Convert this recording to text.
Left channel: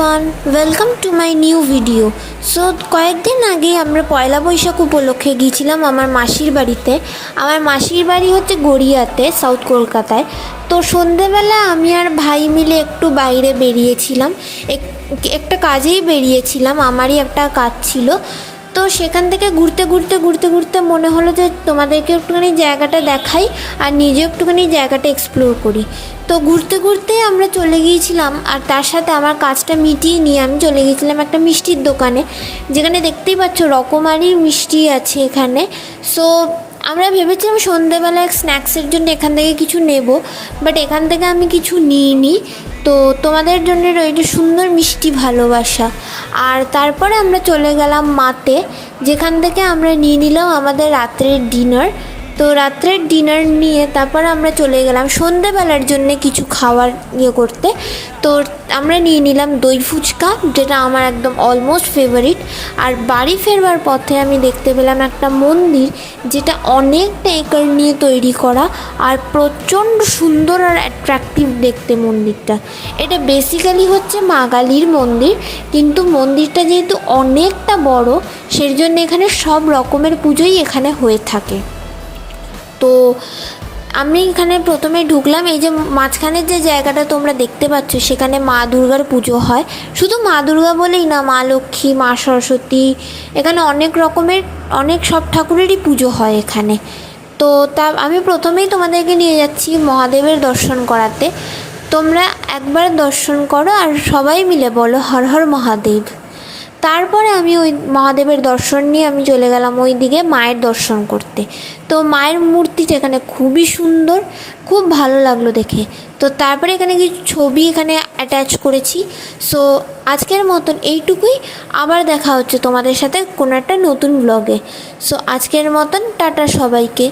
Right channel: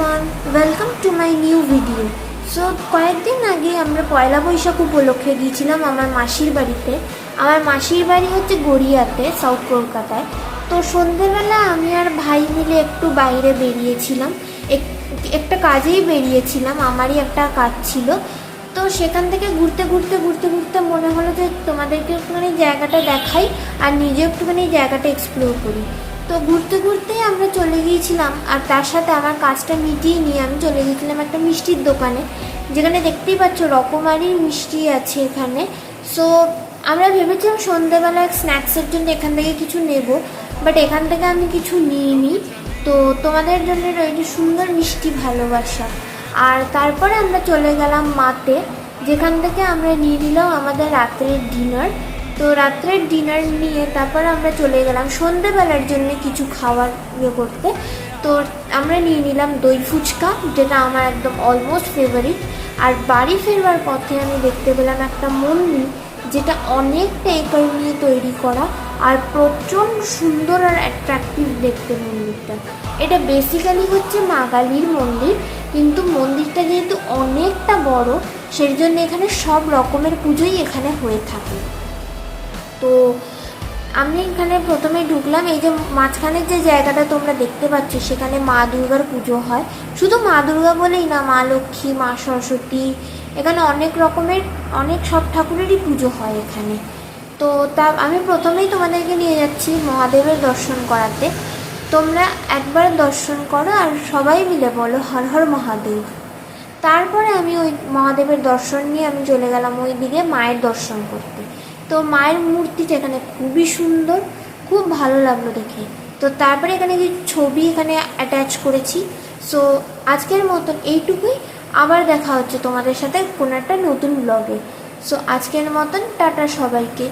Everyone, welcome to my new video. So কয়েকদিন আগে আমরা পয়লা বৈশাখ উপলক্ষে গিয়েছিলাম আমার মাসির বাড়িতে। আমার মাসির বাড়ি হচ্ছে গড়িয়াতে, সাউথ কলকাতায়। তো সন্ধেবেলা আমি আর ভাই মিলে একটু বাইরে বেরিয়েছিলাম, একটা কাজেই বেরিয়েছিলাম, আমারই একটা কাজ ছিল। তো সেখান থেকে ঘুরতে ঘুরতে ঘুরতে ঘুরতে মনে হলো যে তোমাদেরকে একটুখানি জায়গাটা দেখাই আর নিজে একটুখানি জায়গাটা এক্সপ্লোর করি। তো ঘুরতে ঘুরতে আমরা চলে গিয়েছিলাম, আর তার সাথে আমার কাজটা মিটিয়ে নিয়ে আমি চলে গিয়েছিলাম একটা মিষ্টির দোকানে, যেখানে দেখতেই পাচ্ছ রকমারি মিষ্টি আছে এখানে। সো আমরা ভেবেছিলাম সন্ধ্যেবেলা স্ন্যাক্সের জন্য এখান থেকে কিছু নেব, বাট এখান থেকে আমি কিছু নিইনি। তো তোমাদের জন্য রয়েছে সুন্দর মিষ্টি ভালোবাসা। আর তারপরে আমরা চলে গেলাম মাতে, যেখান থেকে আমরা নিয়ে নিলাম আমাদের রাত্রের ডিনার। তো রাত্রের ডিনার নিয়ে তারপর আমরা চলে গেলাম সন্ধ্যাবেলার জন্য কিছু খাবার করতে। তো আমরা নিয়ে নিলাম দই ফুচকা, যেটা আমার একদম অলমোস্ট ফেভারিট। আর বাড়ি ফেরবার পথে আমি দেখতে পেলাম একটা মন্দির, যেটা অনেকটা একর নিয়ে তৈরি করা আর প্রচণ্ড সুন্দর আর অ্যাট্রাকটিভ দেখতে মন্দিরটা। এটা বেসিক্যালি হচ্ছে মা কালীর মন্দির, কিন্তু মন্দিরটা যেহেতু অনেকটা বড়, সেই জন্য এখানে সব রকমের পুজোই এখানে হয়ে থাকে। তো আমি এখানে প্রথমে ঢুকলাম, এই যে মাঝখানের যে জায়গাটা তোমরা দেখতে পাচ্ছ, সেখানে মা দুর্গার পুজো হয়। শুধু মা দুর্গা বলেই না, মা লক্ষ্মী, মা সরস্বতী, এখানে অনেক রকমের সব ঠাকুরেরই পুজো হয় এখানে। তো আমি প্রথমেই তোমাদেরকে নিয়ে যাচ্ছি মহাদেবের দর্শন করাতে। তোমরা একবার দর্শন করো আর সবাই মিলে বলো হর হর মহাদেব। তারপরে আমি ওই মহাদেবের দর্শন নিয়ে আমি চলে গেলাম ওই দিকে মায়ের দর্শন করতে। তো মায়ের মূর্তিটা এখানে খুবই সুন্দর, খুব ভালো লাগলো দেখে। তো তারপরে এখানে কিছু ছবি এখানে অ্যাটাচ করেছি। সো আজকের মতন এইটুকুই, আবার দেখা হচ্ছে তোমাদের সাথে কোনো একটা নতুন ব্লগে। সো আজকের মতন টাটা সবাইকে।